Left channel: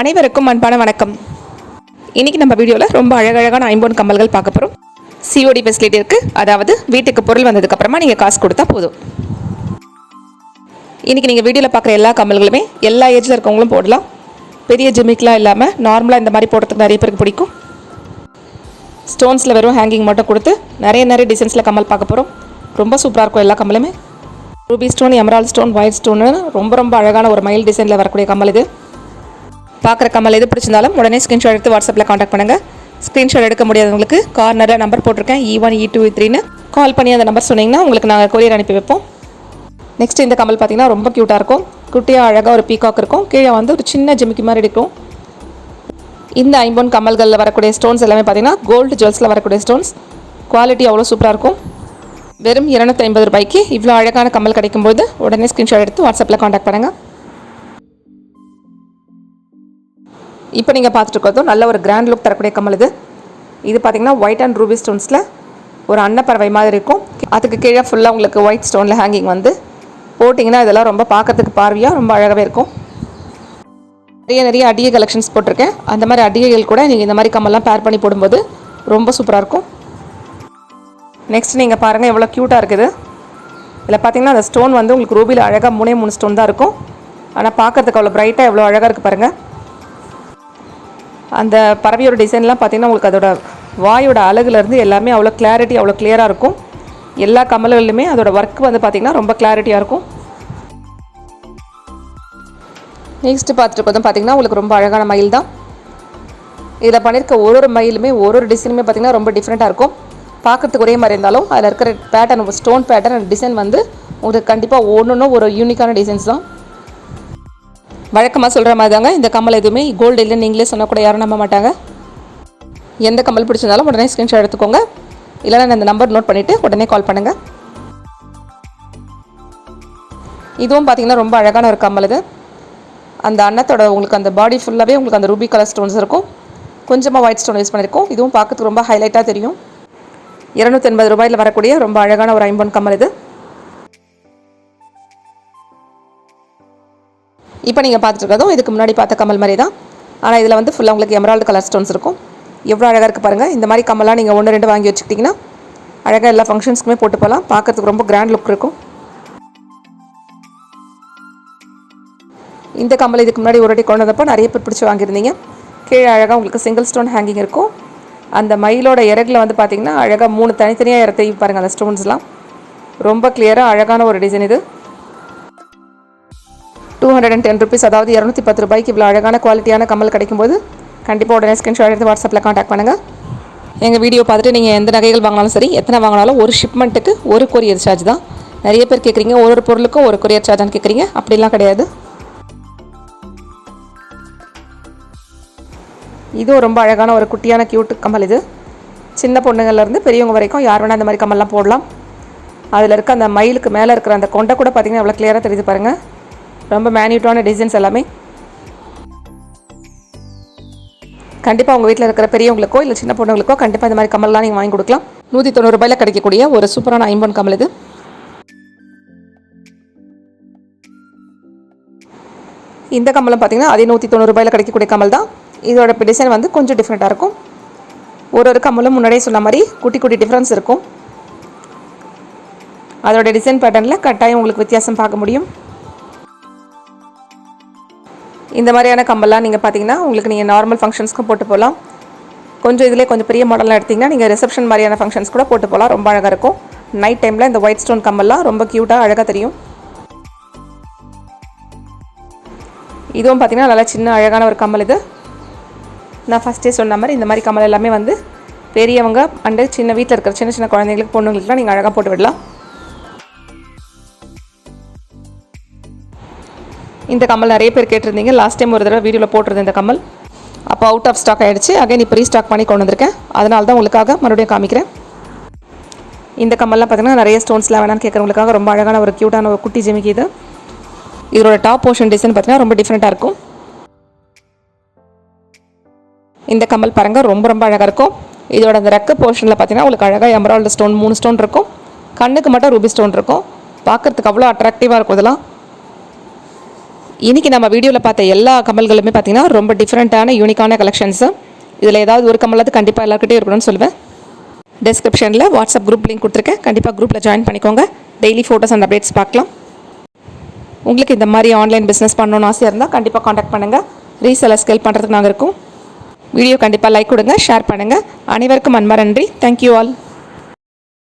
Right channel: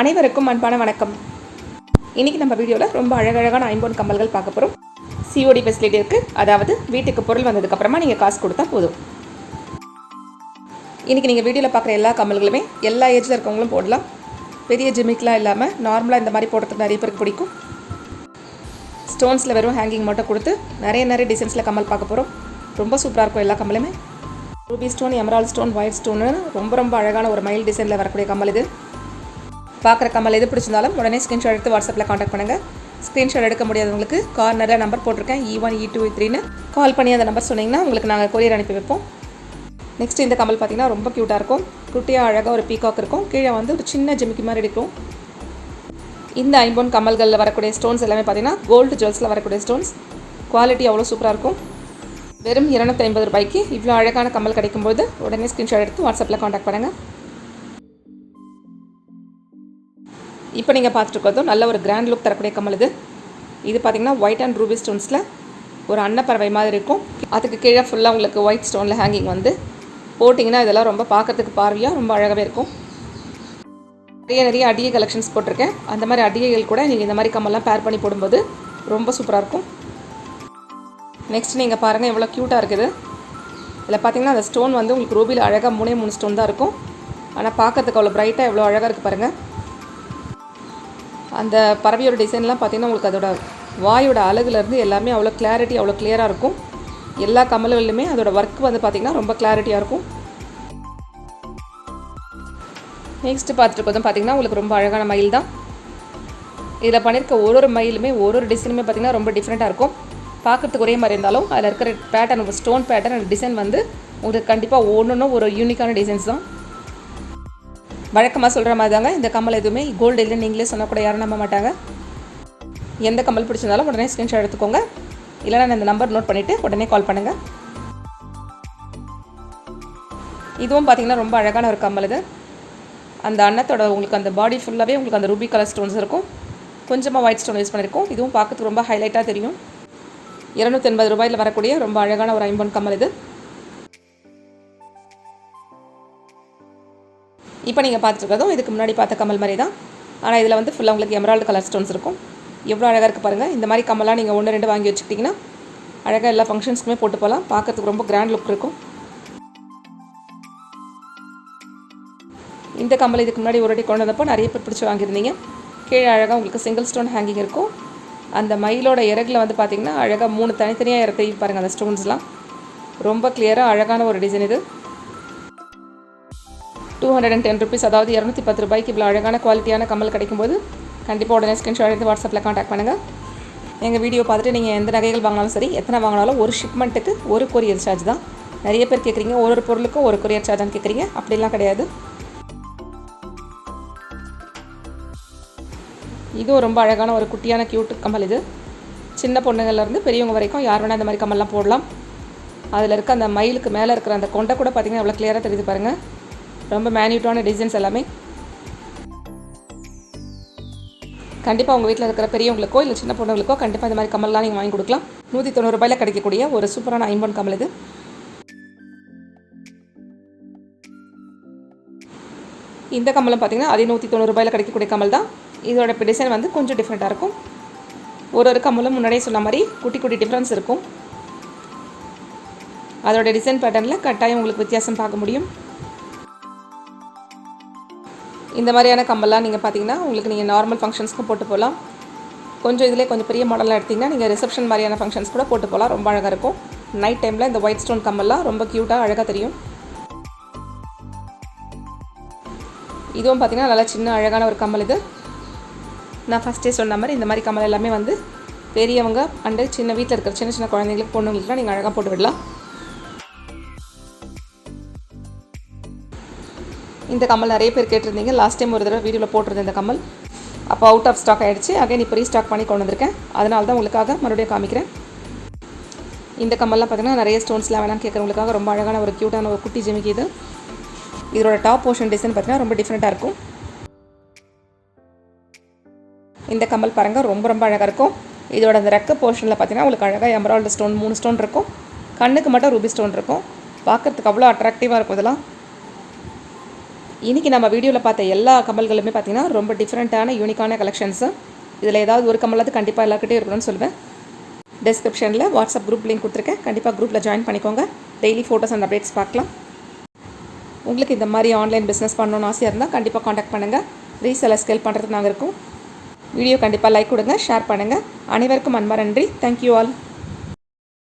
அனைவருக்கும் அன்பான வணக்கம். இன்னைக்கு நம்ம வீடியோவில் ரொம்ப அழகழகான ஐம்பொன் கம்மல்கள் பார்க்க போகிறோம் சிஓடி ஃபெசிலிட்டி இருக்குது அதாவது வீட்டுக்கு பொருள் வந்ததுக்கப்புறமா நீங்கள் காசு கொடுத்தா போதும். இன்றைக்கி நீங்கள் வீடியோவில் பார்க்குற எல்லா கம்மல்களுமே எல்லா ஏஜில் இருக்கவங்களும் போடலாம். பெரிய ஜிமிக்லாம் இல்லாமல் நார்மலாக இந்த மாதிரி போடுறதுக்கு நிறைய பேருக்கு பிடிக்கும். ஸ்டோன்ஸில் வெறும் ஹேங்கிங் மட்டும் கொடுத்து நிறைய நிறைய டிசைன்ஸில் கம்மல் பார்க்க போகிறோம் ரொம்ப சூப்பராக இருக்கும் எல்லா கம்மலுமே. Ruby stone emerald stone white ஸ்டோன்னு ரொம்ப ரொம்ப அழகான ஒரு மயில் டிசைனில் வரக்கூடிய கம்மல் இது. பார்க்குற கம்மல் எது பிடிச்சிருந்தாலும் உடனே ஸ்க்ரீன்ஷாட் எடுத்து வாட்ஸ்அப்பில் காண்டாக்ட் பண்ணுங்கள் ஸ்க்ரீன்ஷாட் எடுக்க முடியாதவங்களுக்கு கார்னரில் நம்பர் போட்டிருக்கேன். இ ஒன் இ டூ த்ரீன்னு கால் பண்ணி அந்த நம்பர் சொன்னீங்கன்னா உங்களுக்கு நாங்கள் கொரியர் அனுப்பி வைப்போம். நெக்ஸ்ட் இந்த கம்மல் பார்த்தீங்கன்னா ரொம்ப க்யூட்டாக இருக்கும். குட்டியாக அழகாக ஒரு பீகாக் இருக்கும். கீழே வந்து ஒரு சின்ன ஜிமிக்கி மாதிரி இருக்கும். இந்த ஐம்பொன் கம்மல்களில் வரக்கூடிய ஸ்டோன்ஸ் எல்லாமே பார்த்தீங்கன்னா கோல்டு ஜுவல்ஸில் வரக்கூடிய ஸ்டோன்ஸ் குவாலிட்டி அவ்வளோ சூப்பராக இருக்கும். வெறும் இரநூத்தி ஐம்பது ரூபாய்க்கு இவ்வளோ அழகான கம்மல் கிடைக்கும்போது உடனே ஸ்க்ரீன்ஷாட் எடுத்து வாட்ஸ்அப்பில் காண்டாக்ட் பண்ணுங்கள் இப்போ நீங்கள் பார்த்துட்டு இருக்கிறதும் நல்ல ஒரு கிராண்ட் லுக் தரக்கூடிய கம்மல் இது. இது பார்த்தீங்கன்னா ஒயிட் அண்ட் ரூபி ஸ்டோன்ஸில் ஒரு அன்னப்பறவை மாதிரி இருக்கும். அதுக்கு கீழே ஃபுல்லாக உங்களுக்கு ஒயிட் ஸ்டோனில் ஹேங்கிங் வந்து போட்டிங்கன்னா இதெல்லாம் ரொம்ப பார்க்கறதுக்கு பார்வையாக ரொம்ப அழகாகவே இருக்கும். நிறைய நிறைய அடிகை கலெக்ஷன்ஸ் போட்டிருக்கேன். அந்த மாதிரி அடிகைகள் கூட நீங்கள் இந்த மாதிரி கம்மல்லாம் பேர் பண்ணி போடும்போது ரொம்ப சூப்பராக இருக்கும். நெக்ஸ்ட் நீங்கள் பாருங்கள் எவ்வளோ க்யூட்டாக இருக்குது. இதில் பார்த்தீங்கன்னா அந்த ஸ்டோன் வந்து உங்களுக்கு ரூபியில் அழகாக மூணே மூணு ஸ்டோன் தான் இருக்கும். ஆனால் பார்க்கறதுக்கு அவ்வளோ பிரைட்டாக எவ்வளோ அழகாக இருக்குது பாருங்கள் அந்த பறவையோட டிசைன்லாம் பார்த்தீங்கன்னா உங்களுக்கு அதோட வாயோட அழகுலேருந்து எல்லாமே அவ்வளோ கிளாரிட்டி அவ்வளோ கிளியராக இருக்கும். எல்லா கமல்களிலுமே அதோடய ஒர்க் வந்து பார்த்திங்கன்னா ரொம்ப கிளாரிட்டியாக இருக்கும். நெக்ஸ்ட்டு பார்த்துட்டு பார்த்தோம் பார்த்தீங்கன்னா உங்களுக்கு ரொம்ப அழகான மயில் தான். இதில் பண்ணியிருக்க ஒரு ஒரு மயிலுமே ஒரு ஒரு டிசைனுமே பார்த்தீங்கன்னா ரொம்ப டிஃப்ரெண்ட்டாக இருக்கும். பார்க்கறதுக்கு ஒரே மாதிரி இருந்தாலும் அதில் இருக்கிற பேட்டர்ன் ஸ்டோன் பேட்டர்ன் டிசைன் வந்து உங்களுக்கு கண்டிப்பாக ஒன்று ஒரு யூனிக்கான டிசைன்ஸ் தான். வழக்கமாக சொல்கிற மாதிரி தாங்க இந்த கம்மல் எதுவுமே கோல்டு இல்லைன்னு நீங்களே சொன்னால் கூட யாரும் நம்ப மாட்டாங்க. எந்த கம்மல் பிடிச்சிருந்தாலும் உடனே ஸ்க்ரீன்ஷாட் எடுத்துக்கோங்க. இல்லைனா அந்த நம்பர் நோட் பண்ணிவிட்டு உடனே கால் பண்ணுங்கள் இதுவும் பார்த்திங்கன்னா ரொம்ப அழகான ஒரு கம்மல் இது. அந்த அன்னத்தோட உங்களுக்கு அந்த பாடி ஃபுல்லாகவே உங்களுக்கு அந்த ரூபி கலர் ஸ்டோன்ஸ் இருக்கும். கொஞ்சமாக ஒயிட் ஸ்டோன் யூஸ் பண்ணியிருக்கோம் இதுவும் பார்க்கறதுக்கு ரொம்ப ஹைலைட்டாக தெரியும். இரநூத்தி எண்பது ரூபாயில் வரக்கூடிய ரொம்ப அழகான ஒரு ஐம்பொன் கம்மல் இது. இப்போ நீங்கள் பார்த்துட்டு இதுக்கு முன்னாடி பார்த்த கமல் மாதிரி தான். ஆனால் இதில் வந்து ஃபுல்லாக உங்களுக்கு எமரால்டு கலர் ஸ்டோன்ஸ் இருக்கும். எவ்வளோ அழகாக இருக்குது பாருங்கள் இந்த மாதிரி கம்மல்லாம் நீங்கள் ஒன்று ரெண்டு வாங்கி வச்சுக்கிட்டிங்கன்னா அழகாக எல்லா ஃபங்க்ஷன்ஸ்க்குமே போட்டு போகலாம். பார்க்கறதுக்கு ரொம்ப கிராண்ட் லுக் இருக்கும். இந்த கம்மல் இதுக்கு முன்னாடி ஒரு வாட்டி கொண்டு வந்தப்போ நிறைய பேர் பிடிச்சி வாங்கியிருந்தீங்க. கீழே அழகாக உங்களுக்கு சிங்கிள் ஸ்டோன் ஹேங்கிங் இருக்கும். அந்த மயிலோட இறகுல வந்து பார்த்தீங்கன்னா அழகாக மூணு தனித்தனியாக இறத்தையும் பாருங்கள் அந்த ஸ்டோன்ஸ்லாம் ரொம்ப கிளியராக அழகான ஒரு டிசைன் இது. Two hundred and ten rupees அதாவது இரநூத்தி பத்து ரூபாய்க்கு இவ்வளோ அழகான குவாலிட்டியான கம்மல் கிடைக்கும்போது கண்டிப்பாக உடனே ஸ்கிரீன்ஷாட் எடுத்து வாட்ஸ்அப்பில் காண்டாக்ட் பண்ணுங்கள் எங்கள் வீடியோ பார்த்துட்டு நீங்கள் எந்த நகைகள் வாங்கினாலும் சரி எத்தனை வாங்கினாலும் ஒரு ஷிப்மெண்ட்டுக்கு ஒரு கொரியர் சார்ஜ் தான். நிறைய பேர் கேட்குறீங்க ஒரு ஒரு பொருளுக்கும் ஒரு கொரியர் சார்ஜான்னு கேட்குறீங்க அப்படிலாம் கிடையாது. இதுவும் ரொம்ப அழகான ஒரு குட்டியான க்யூட் கம்மல் இது. சின்ன பொண்ணுங்கள்லேருந்து பெரியவங்க வரைக்கும் யார் வேணால் அந்த மாதிரி கம்மல்லாம் போடலாம். அதில் இருக்க அந்த மயிலுக்கு மேலே இருக்கிற அந்த கொண்டை கூட பார்த்தீங்கன்னா எவ்வளோ கிளியராக தெரியுது பாருங்கள் ரொம்ப மேன்யூட்டான டிசைன்ஸ் எல்லாமே. கண்டிப்பாக உங்கள் வீட்டில் இருக்கிற பெரியவங்களுக்கோ இல்லை சின்ன பொண்ணுங்களுக்கோ கண்டிப்பாக இந்த மாதிரி கமல்லாம் நீங்கள் வாங்கி கொடுக்கலாம். நூற்றி தொண்ணூறு ரூபாயில் கிடைக்கக்கூடிய ஒரு சூப்பரான ஐம்பன் கமல் இது. இந்த கம்மலம் பார்த்தீங்கன்னா அதே நூற்றி தொண்ணூறு ரூபாயில் கிடைக்கக்கூடிய கமல் தான். இதோட டிசைன் வந்து கொஞ்சம் டிஃப்ரெண்ட்டாக இருக்கும். ஒரு ஒரு கம்மலும் முன்னாடியே சொன்ன மாதிரி குட்டி குட்டி டிஃப்ரென்ஸ் இருக்கும். அதோட டிசைன் பேட்டர்னில் கட்டாயம் உங்களுக்கு வித்தியாசம் பார்க்க முடியும். இந்த மாதிரியான கம்பெல்லாம் நீங்கள் பார்த்தீங்கன்னா உங்களுக்கு நீங்கள் நார்மல் ஃபங்க்ஷன்ஸ்க்கும் போட்டு போகலாம் கொஞ்சம் இதிலே கொஞ்சம் பெரிய மாடலாக எடுத்திங்கன்னா நீங்கள் ரிசப்ஷன் மாதிரியான ஃபங்க்ஷன்ஸ் கூட போட்டு போகலாம் ரொம்ப அழகாக இருக்கும். நைட் டைமில் இந்த ஒயிட் ஸ்டோன் கம்பெல்லாம் ரொம்ப க்யூட்டாக அழகாக தெரியும். இதுவும் பார்த்தீங்கன்னா நல்லா சின்ன அழகான ஒரு கம்மல் இது. நான் ஃபஸ்ட்டே சொன்ன மாதிரி இந்த மாதிரி கம்மல் எல்லாமே வந்து பெரியவங்க அண்டு சின்ன வீட்டில் இருக்கிற சின்ன சின்ன குழந்தைங்களுக்கு பொண்ணுங்களுக்குலாம் நீங்கள் அழகாக போட்டு விடலாம். இந்த கம்மல் நிறைய பேர் கேட்டிருந்தீங்க. லாஸ்ட் டைம் ஒரு தடவை வீடியோவில் போட்டிருந்தேன் இந்த கம்மல். அப்போ அவுட் ஆஃப் ஸ்டாக் ஆகிடுச்சு அகைன் இப்போ ரீஸ்டாக் பண்ணி கொண்டு வந்திருக்கேன். அதனால தான் உங்களுக்காக மறுபடியும் காமிக்கிறேன். இந்த கம்மல்லாம் பார்த்தீங்கன்னா நிறைய ஸ்டோன்ஸ்லாம் வேணாம்னு கேட்குறவங்களுக்காக ரொம்ப அழகான ஒரு க்யூட்டான ஒரு குட்டி ஜிமிக்கு இது. இதோட டாப் போர்ஷன் டிசைன் பார்த்தீங்கன்னா ரொம்ப டிஃப்ரெண்ட்டாக இருக்கும். இந்த கம்மல் பாருங்கள் ரொம்ப ரொம்ப அழகாக இருக்கும். இதோட அந்த ரெக்க போர்ஷனில் பார்த்தீங்கன்னா உங்களுக்கு அழகாக எமரால்டு ஸ்டோன் மூணு ஸ்டோன் இருக்கும். கண்ணுக்கு மட்டும் ரூபி ஸ்டோன் இருக்கும். பார்க்கறதுக்கு அவ்வளோ அட்ராக்டிவாக இருக்கும் இதெல்லாம். இன்றைக்கி நம்ம வீடியோவில் பார்த்த எல்லா கமல்களுமே பார்த்தீங்கன்னா ரொம்ப டிஃப்ரெண்ட்டான யூனிக்கான கலெக்ஷன்ஸு இதில் ஏதாவது ஒரு கமலாவது கண்டிப்பாக எல்லாருக்கிட்டே இருக்கணும்னு சொல்லுவேன். டிஸ்கிரிப்ஷனில் வாட்ஸ்அப் குரூப் லிங்க் கொடுத்துருக்கேன். கண்டிப்பாக குரூப்பில் ஜாயின் பண்ணிக்கோங்க. டெய்லி ஃபோட்டோஸ் அண்ட் அப்டேட்ஸ் பார்க்கலாம். உங்களுக்கு இந்த மாதிரி ஆன்லைன் பிஸ்னஸ் பண்ணணும்னு ஆசையாக இருந்தால் கண்டிப்பாக காண்டாக்ட் பண்ணுங்கள் ரீசெலர் ஸ்கேல் பண்ணுறதுக்கு நாங்கள் இருக்கோம். வீடியோ கண்டிப்பாக லைக் கொடுங்க ஷேர் பண்ணுங்கள் அனைவருக்கும் அன்பா நன்றி. Thank you all